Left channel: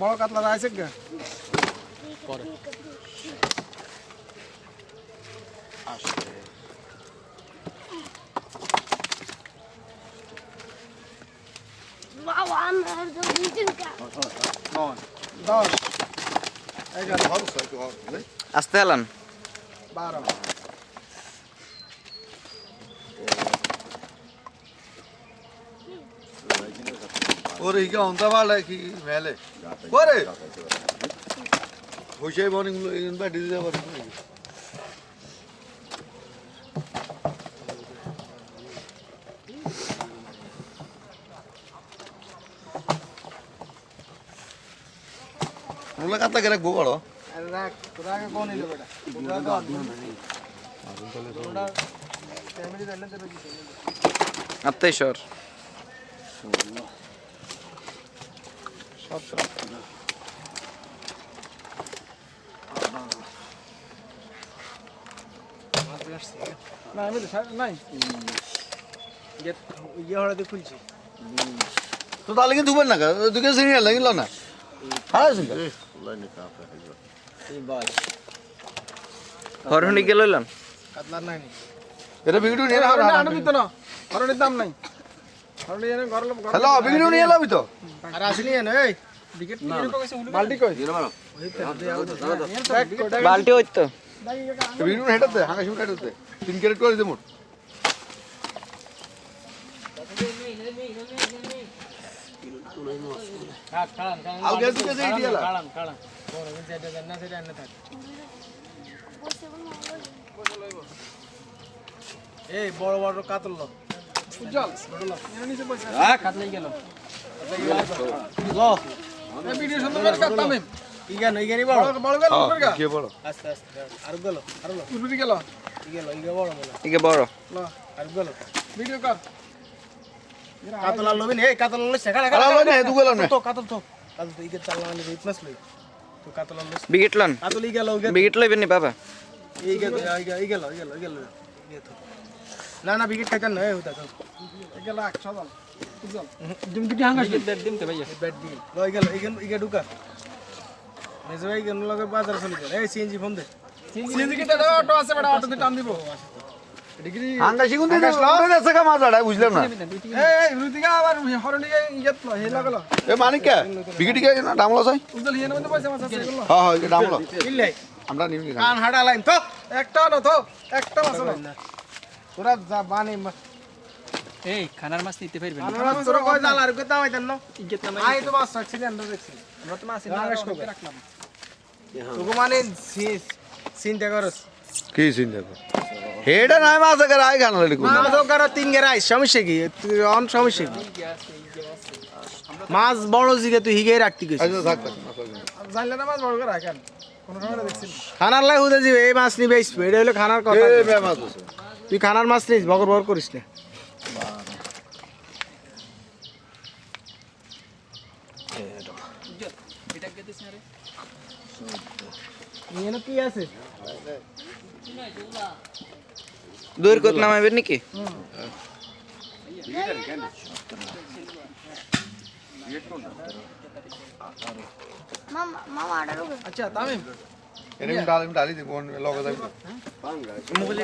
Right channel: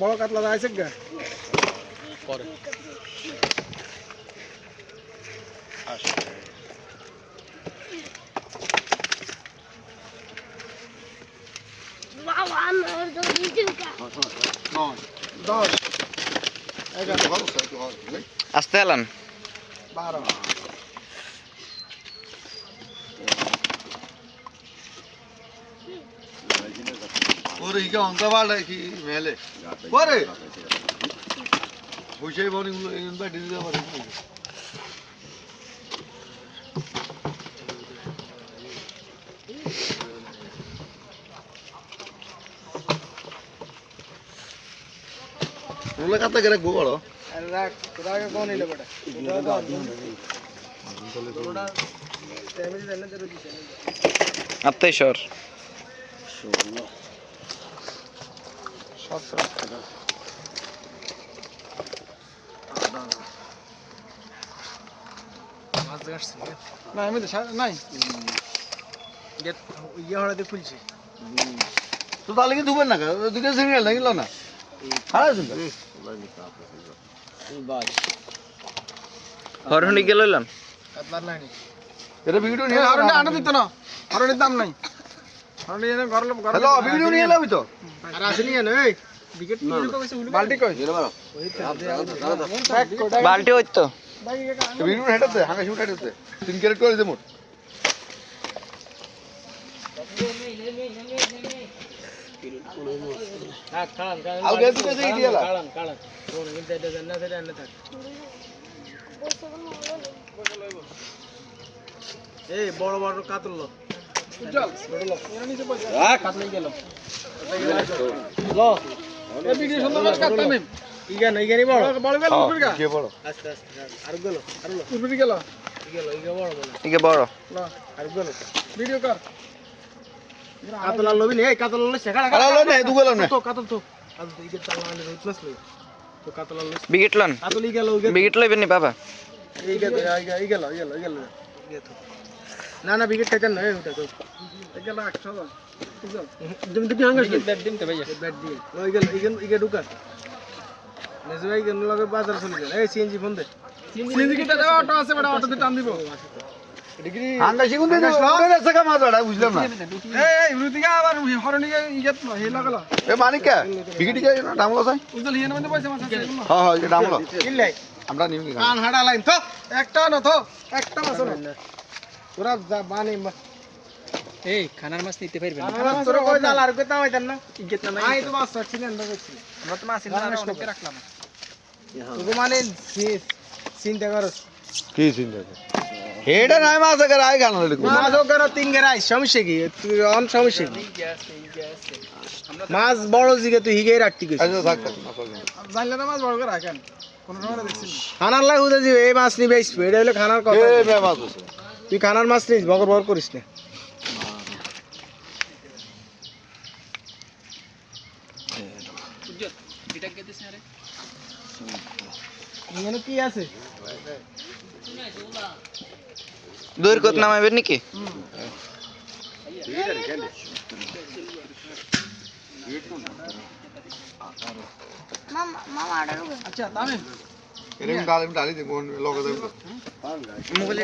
বড় কাতলা আছে গে। দশ আস্তে এলান। বারো। ইকে অন্তা বাড়া কি মেলে ওরে বসে বনি গুলো অন্তা ডিজে যাবে রুলে কাতলা করে গো বড় আরে রাখ কোন নিলে বেটা সর না আমি তো নাই ইয়ে হড়াতে খুলছি তো তাহলে কি দুবার না দুকে সিরিয়াল লাগিল না হ্যাঁ হরহনি গেল এটা ভিডিও নিয়ে হরনে আটা না। হরনের দাম নাই। হ্যালো ভিডিও নিয়ে এলাবি তো। আর আসেনি এই বিকেট বালটি কই? বালটি হইত তো। হেঁটাতে শুট হেঁটাতে তিন ক্যারেট করে দেবো এই বড় বড় কাতল উজ্জ্বল এর এই ভিডিও সুন্দর করে কাতলা লবি নে কাতলা লো শেখা আলা লই না দু গেল না তো কাতল তো কাতল কাতলা কাতল বাবা। না না বিকেট খাইতেন না ওটা তো। এই গেল 100 তুমি দুটি হাঙ্গাস ব্যাট দিন তে ভাই ব্যাট দিন। ওই গেল এই গেল এই গেল ঢুকা। নেজে ভাই গেল লগে বাজার চলে গেল। এই সিএনজি ফোন দে। সিএনজি কিটা দাও অটো আছে বড় অটো দিয়ে টান দিব। ডিগ্রি হাঙ্গা শিগুন দে ওরে সাকা মাজাড়া বুঝলাম না। এই এই রুদিগা আবার হরনিগা ইজত হেলা গেল এ মানিকা বিগিটি কে না ডামলো চাই। উজল হিয়ে মধ্যে পয়সা মাছ হ্যাঁ হ্যাঁ এটা ডামলো। ইল্লাই আমরা নিবি কান হাড়া লাইন তো একটা না তো একটা মাছ না তোরা যা বানি এই খানার মাছ নিতে পারবেন আমরা তোর কই জাল আর কই তামাইতেন না? আই তো বাস রাখছিলেন আমরা দেখছি। আমরা তো মাছ না রাখলাম। তোকে মানে চিন্তা করস কি চিন্তা কর? হেডা নাই মাছ করে আই গান লড়ি মাছ ও তিন গেরা সমস্যা কি? তুই অন সমস্যা কি? মাছ বড় জিগে তুই হিগে রাখতি আচ্ছা থাক থাক জানলে না মাছ বড় করে রাখেন? কোন সময় দেখছিস খানার লাই জি এই মাছ নিবে হলো খানার কথা। মাছ তুই খানার মাছ নিস বগর বগর করিস না। কি আছে? দূর কত নাকি? মামা মামা আড়ারও আচ্ছা তামিম। এরকম ডালি ডালি দে লগে যাবে মোবাইলে